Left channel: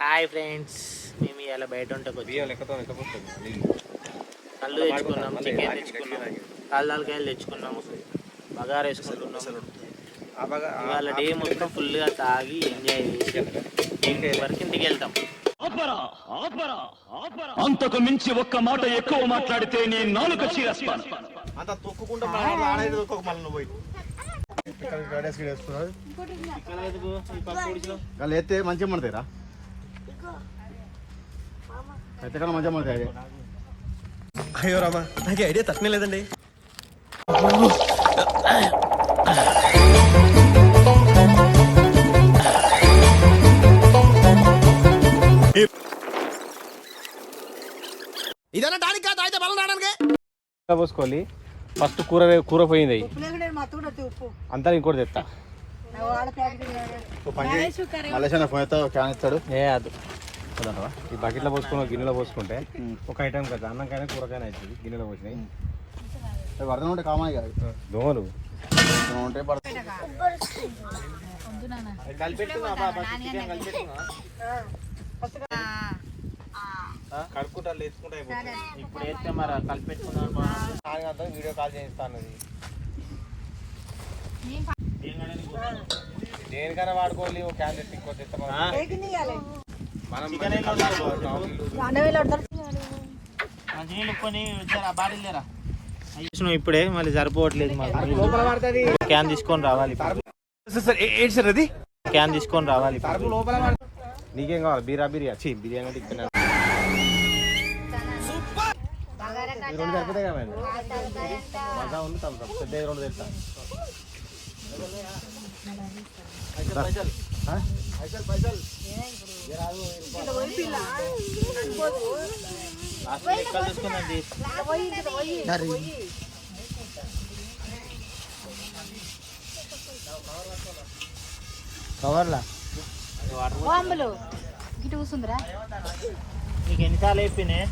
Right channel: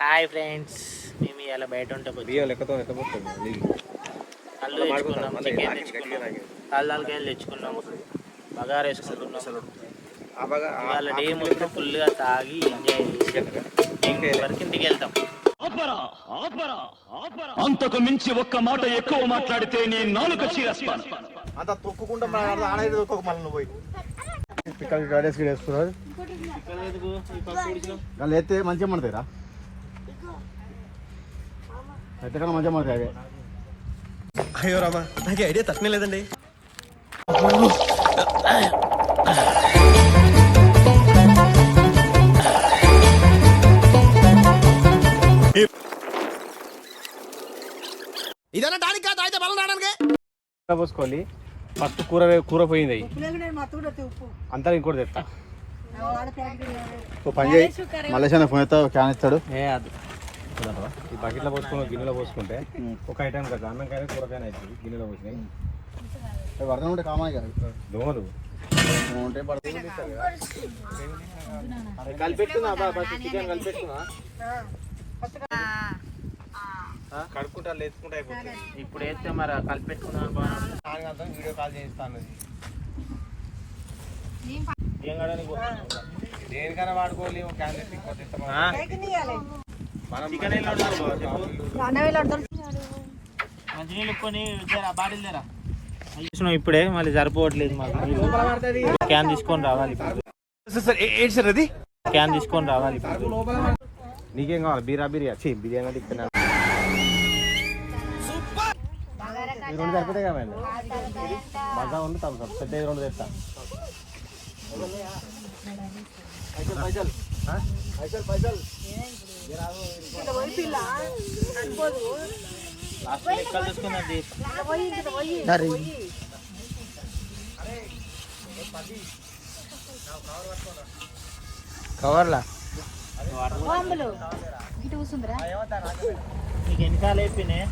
Hi friends, మేము ఇలా బయట ఉంటే కళ్ళు తెచ్చుకున్నాం, చికెన్ తెచ్చుకున్నాం, కాళ్ళకాయలు తెచ్చుకున్నాము, బగారా వేసుకుంటున్నాము. ఇవాళ డే మొత్తం ఫుల్గా తాగి ఎంజాయ్ చేసి ఈవినింగ్ వరకు ఇంటికి వెళ్తాం. అంతకు మించి ఒక్క మాట ఎక్కువ మాట్లాడితే నేను నాలుక చీరేస్తాను. అంత తొక్కుకుంటా పోయి వాళ్ళు ఎత్తే మంచిగా పడతాయిరా, అయితే కన్నా మంచిగా పడతాయి. అదే అయ్యో రామా, నాకు ఐడియా తక్కువ లేదండి. ఇదన్నా దానికి కాదు, అయితే బలం రావడానికి పోసుకోవాలి. ఫస్ట్ కూర పోయింది, అంతా ఇంకోటి తెస్తా. మలేషియా ఫోన్ అయితే క్యాన్ ఇస్తాడు. ఈ బకెట్లో పోసుకుని గిన్నెలో పోసుకుంటే ఒక ఐటమ్ కదా, అన్నంకైనా కూరకైనా అవుతుంది. గిన్నెలో పోసినాయి వర్ధం ఉంటే కామాయి కాదు, దోమలు ఉంటే పడుతుంది. కలిపెట్టుకున్నా చికెన్ కలిపెట్టుకున్నా, కడుక్కుంటా వేసుకుంటా అయిపోతుంది. ఇప్పుడు వేస్తే మరి కలిపెట్టుకున్నారు. వీడియో కాల్ చేయిస్తాను. దేనికైనా వాడుకోవాలి. మంచినీళ్ళు కొని బాటిల్ లేరా ఇప్పుడే, మళ్ళీ సరిపోవట్లేదు మాకు. క్యాన్ తీసుకొని రావాలి, క్యాన్ తీసుకొని రావాలి. నీకేం కావాలి? బిర్యానీ బిర్యానీ ఇక్కడ రెండు సరిపోతాయి కదా. మజా ఉంది, పెద్ద రెండు తెస్తా. లెక్కలు చూసుకుందండి. కవర్లా నీకు ఎన్నిసార్లు అయిపోయినాయి?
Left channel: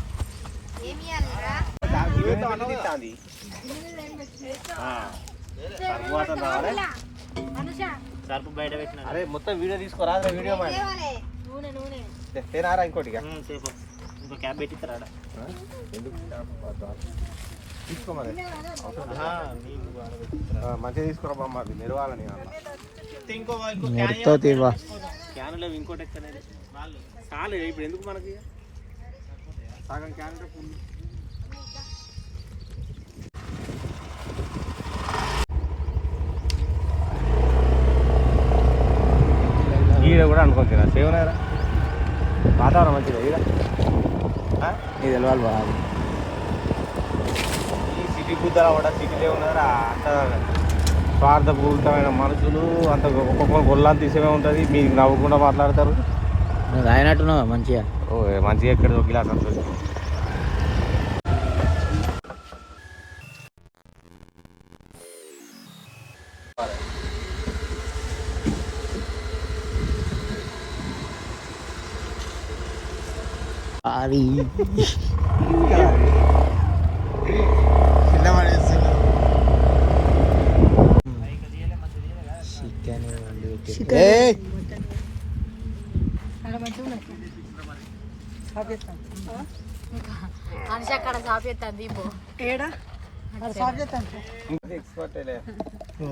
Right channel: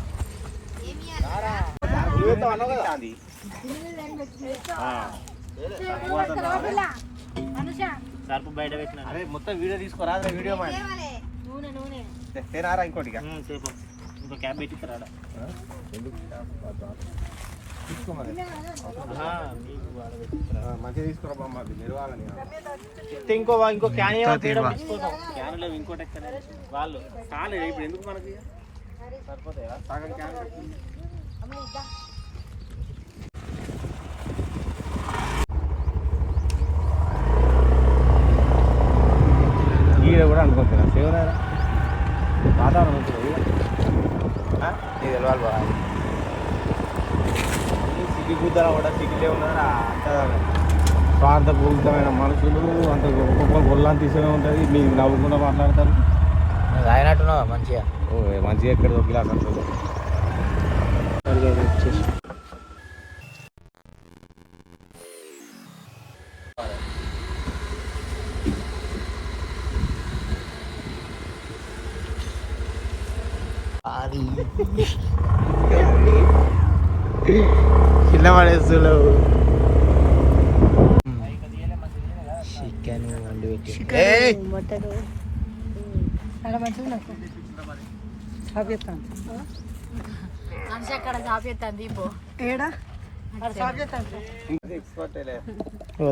సర్పు బయట పెట్టినా మొత్తం వీడియో తీసుకోరా. వీడియో ఇంకోటి ఇంకో క్యాబ్ పెట్టిస్తారా? తీసుకోమని మంచిగా తీసుకురా, మాది నిర్వాలని. ఇంకో క్యాన్ లేవు, ఇంకోటి ఎక్కడ వాళ్ళు చాలు. ఇప్పుడు ఎందుకు మనకి సరిపోతాయి సగం క్యాన్. ఈడ కూడా అనుకోవచ్చు సేవనారా, వాతావరణం మంచిగా. సిటీ గుద్దరా కూడా, సిటీలే ఉన్నారా అంత స్వార్థపూరితమైన మనుషులు. అంత ఒక్కొక్క గొల్లాన్ని తీసుకునే ఉంటుంది. మీరు నవ్వకుండా మాట్లాడతారు. అయినట్టున్నావా మంచిగా? మంచిగా ఎక్కడ దొక్కిలా అంటుంది. చిన్న పడేస్తులు చికెన్ వండి పెట్టి మనిషి అక్కడ చాపేస్తాను దీపో ఏడా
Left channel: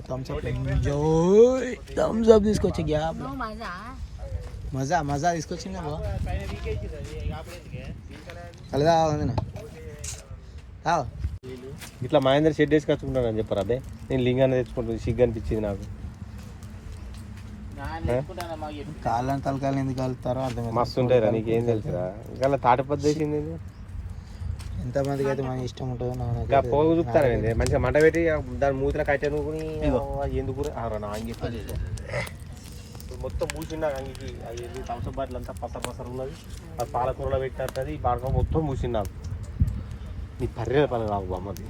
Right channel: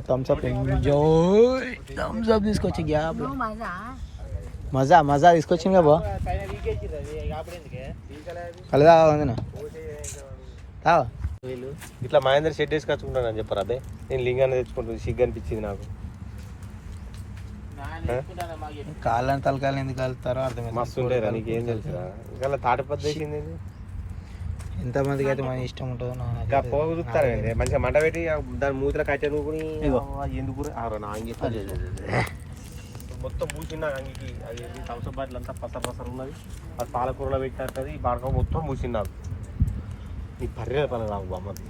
థమ్స్అప్ తీసుకొచ్చి గ్యాప్ మజా మజా తీసుకొచ్చింది కదా. కలదా తావా ఇట్లా మహేందర్ షెడ్ వేసి కచ్చుకుంటాను అని చెప్పారు. అదే నేను లింగాన్ని తెచ్చుకుంటుంది, సిగ్గు అనిపించింది నాకు. కాళ్ళని తలకాయలు ఎందుకు కలుపుతారో అర్థం. మస్తు ఉంటాయి, నీకేం తెలుసు. ఇంకా తాటిపద్దు వేసింది. ఎంతమందికి అయితే మన ఇష్టం ఉంటుందో. ఇంకా పోగు చూపుతారండి, మంచిగా మంట పెట్టి దాని మూతిలో కట్టే నువ్వు ఎందుకు మొత్తం మూసిండా అంగికి. అది థమ్స్అప్ బాటిల్ అంతా పసరు ఉన్నది. అది పాలకూరలో పెట్టేస్తుంది. పాడక మొత్తం మూసిండాను. నీ పర్రెల పని రావు అమ్మది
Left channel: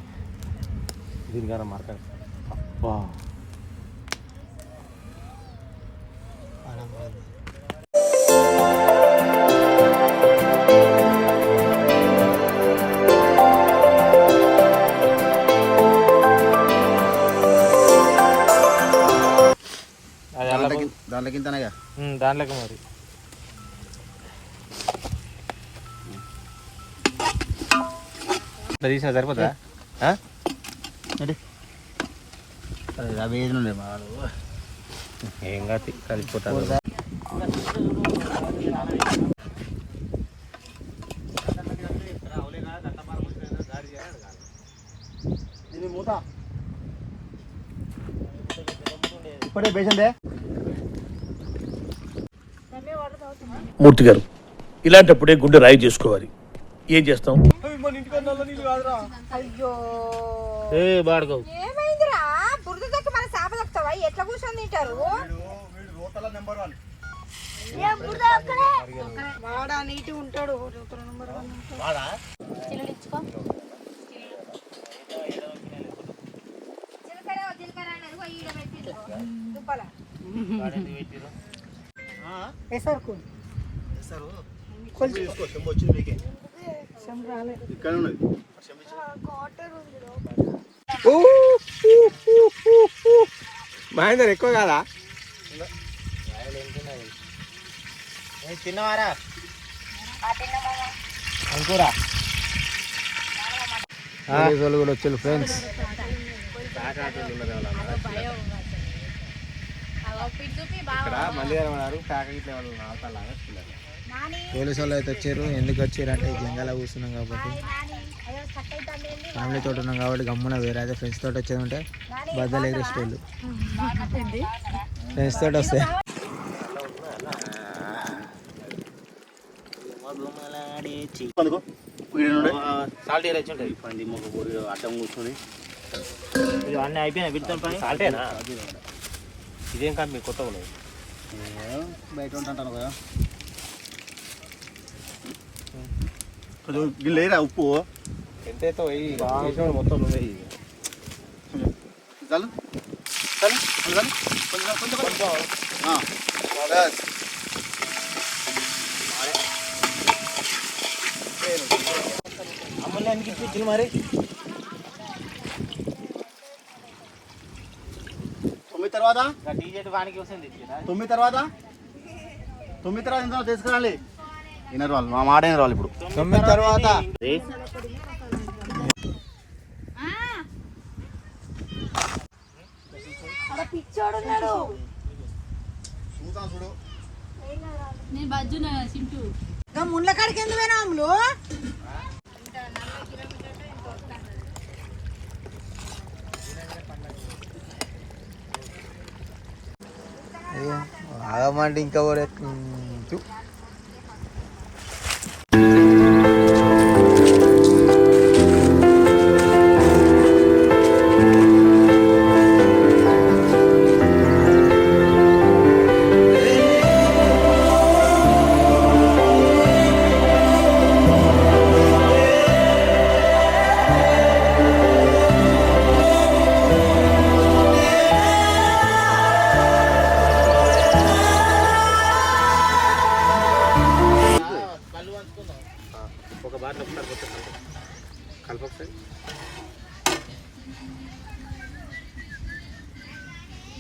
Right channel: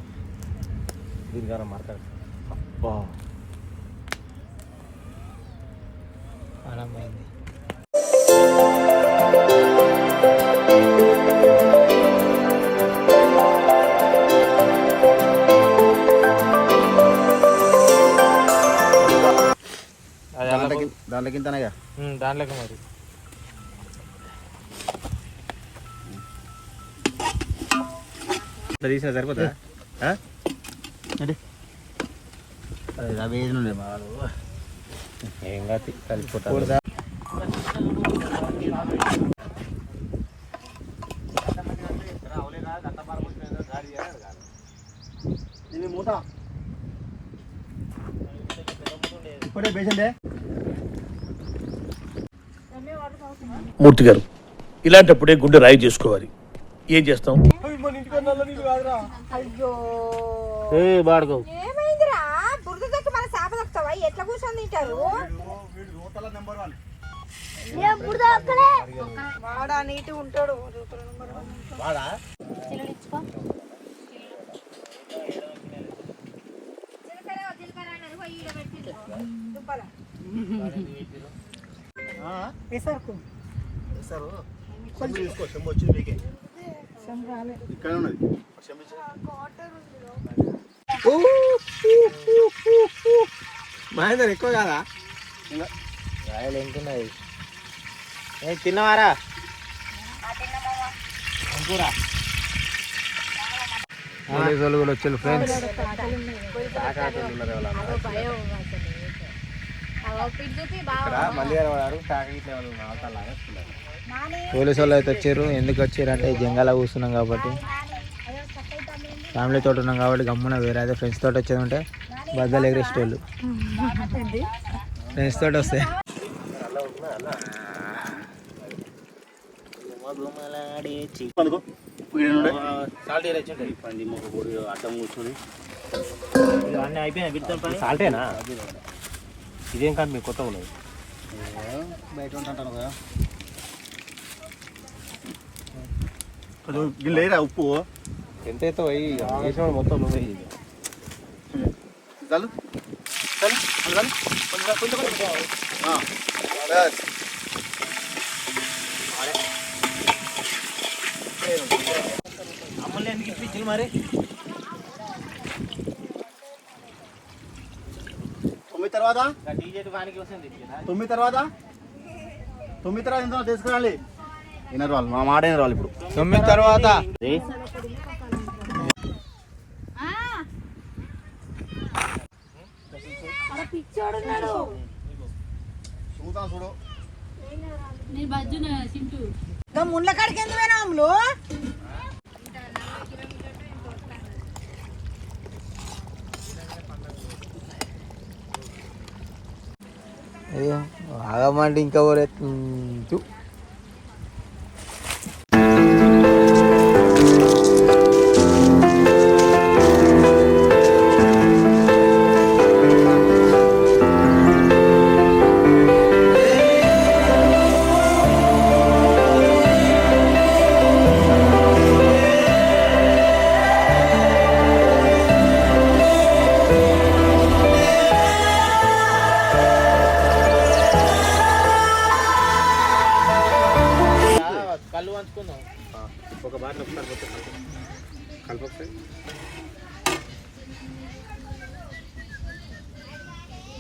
దీనికన్నా మార్కెట్ దాంట్లోకి మరి ఇట్లా తీసినా సరిపోతుందా? అవి ఏది ఉండే బాగా ఏం కాదు సరిపోతుంది. ఇప్పుడే పేషెంటే మూర్తి గారు ఇలాంటప్పుడే గుండె రాయి చేసుకోవాలి. ఏం చేస్తాం? అయ్యో బాడుకో ఏమైందిరా బురద దొక్క మన సాప దొక్కుతావా ఎట్లా కూర్చొని తింటారు వాడా నీటి ఉంటాడు మహేందర్ ఎక్కువ కాదా? తిన్నవారా వచ్చారు ఫ్రెండ్స్. ఇక్కడ మంది వాడారు కాక ఇట్లా పోలీసు వాళ్ళు అయితే వచ్చారు. ఎందుకు వచ్చారు అంటే జంగాల కూర్చున్నాం కాబట్టి, ఫ్యామిలీ తోటి ఉన్నాం కాబట్టి గమ్మున వేరే అయితే ఫ్రెండ్స్ తోటి వచ్చేది ఉంటే బద్దలు ఎగరేస్ట్ వాళ్ళు ఫ్రెండ్స్ తోటి వస్తే అడ్డం కూర్చొని అన్నీ అయిపోయినాయి. విడతాం పని సాల్టేనా? ఇదేం కాదు మీ కొత్త ఉన్నది బయట ఉంటాను కదా. లేరా ఉప్పు ఎంతైతే మొత్తం నువ్వు చాలు చాలు కొంచెం అమ్మలే ఎందుకు ఇప్పించింది మరి? 9 తర్వాత టీజెట్ వానికి వస్తుంది. 9 తర్వాత ఎంత తీసుకురాలి? వినరు వాళ్ళు, మా మాట వినరు వాళ్ళు. ఇప్పుడు 9 తర్వాత పిచ్చోడున్నాడు నేను బజ్జున సింటూ ముళ్ళ కాడికి ఎందుకు పోయినా అమ్ములు? ఆగమంటే ఇంకా ఒక బాటిల్ ఒకసారి పోతే కలపొకసారి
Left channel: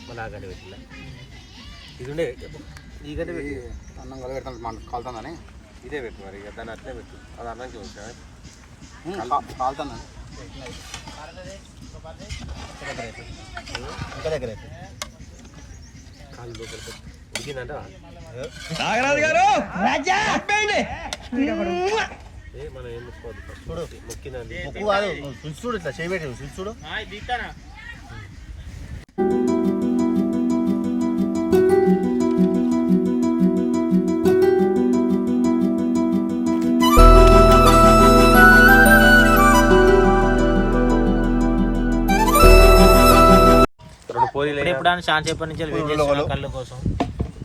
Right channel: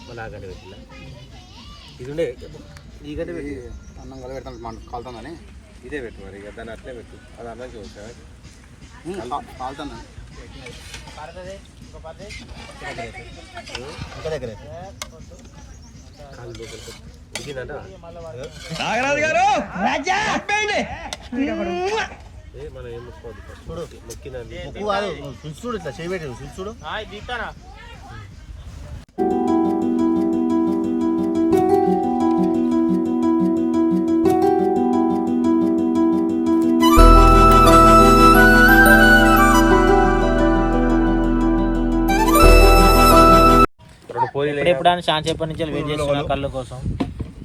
మళ్ళీ ఆ గడ్డ పెట్టిందా? ఇది ఉండే ఈ గడ్డ పెట్టి అన్నం కల పెడతాను కాలుతుందని ఇదే పెట్టు మరి. ఇక దాన్ని అట్లే పెట్టు, అది అన్నం చూసి కాలుతుందని ఇంకా దగ్గర కాలు లోపల ఉడికిందంట. నాగరాజు గారు మనం ఏం ముక్కోవద్దు, చూడు మొక్కిందండి ముక్కు కాదు, చూడు ఇట్లా చేయబెట్టి చూడు. ఇప్పుడు అని చాలా సేపటి నుంచి వెయిట్ చేస్తున్నా కళ్ళు కోసం.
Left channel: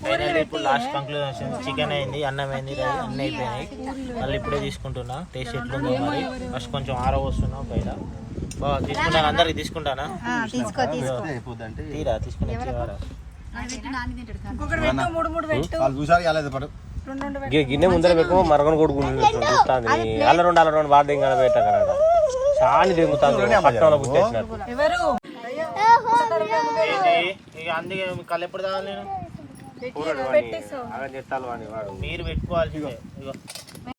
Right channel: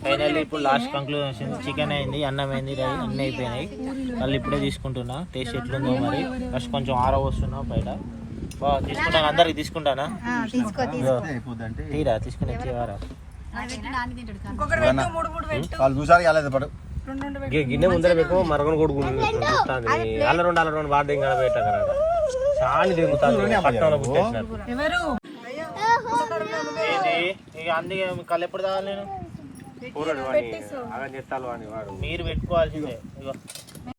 ఫైనల్లీ ఇప్పుడు లాస్ట్ కంక్లూజన్ చికెన్ అయింది, అన్నం అయింది, అన్నీ అయిపోయినాయి. కళ్ళు ఇప్పుడే తీసుకుంటున్నా. టేస్ట్ ఎట్లుందో మరి. ఫస్ట్ కొంచెం ఆరవస్తున్నా బయట. బాగా తీసుకుంటాను, అందరికి తీసుకుంటానా? తీరా తీసుకుని గిన్నె ముందర పెట్టుకో, మరొకరు కొడుకుంది అల్ల రెండు వాడు ఇంకా పెట్టా కదా చాలా దిగుతాను. ఇక అందుకే కళ్ళు ఎప్పుడు తాగాలి నేను? కూరడు వాడిని అలా చెత్తాలు వాడిని వాడు మీరు పెట్టుకోవాల్సిందే. ఇగో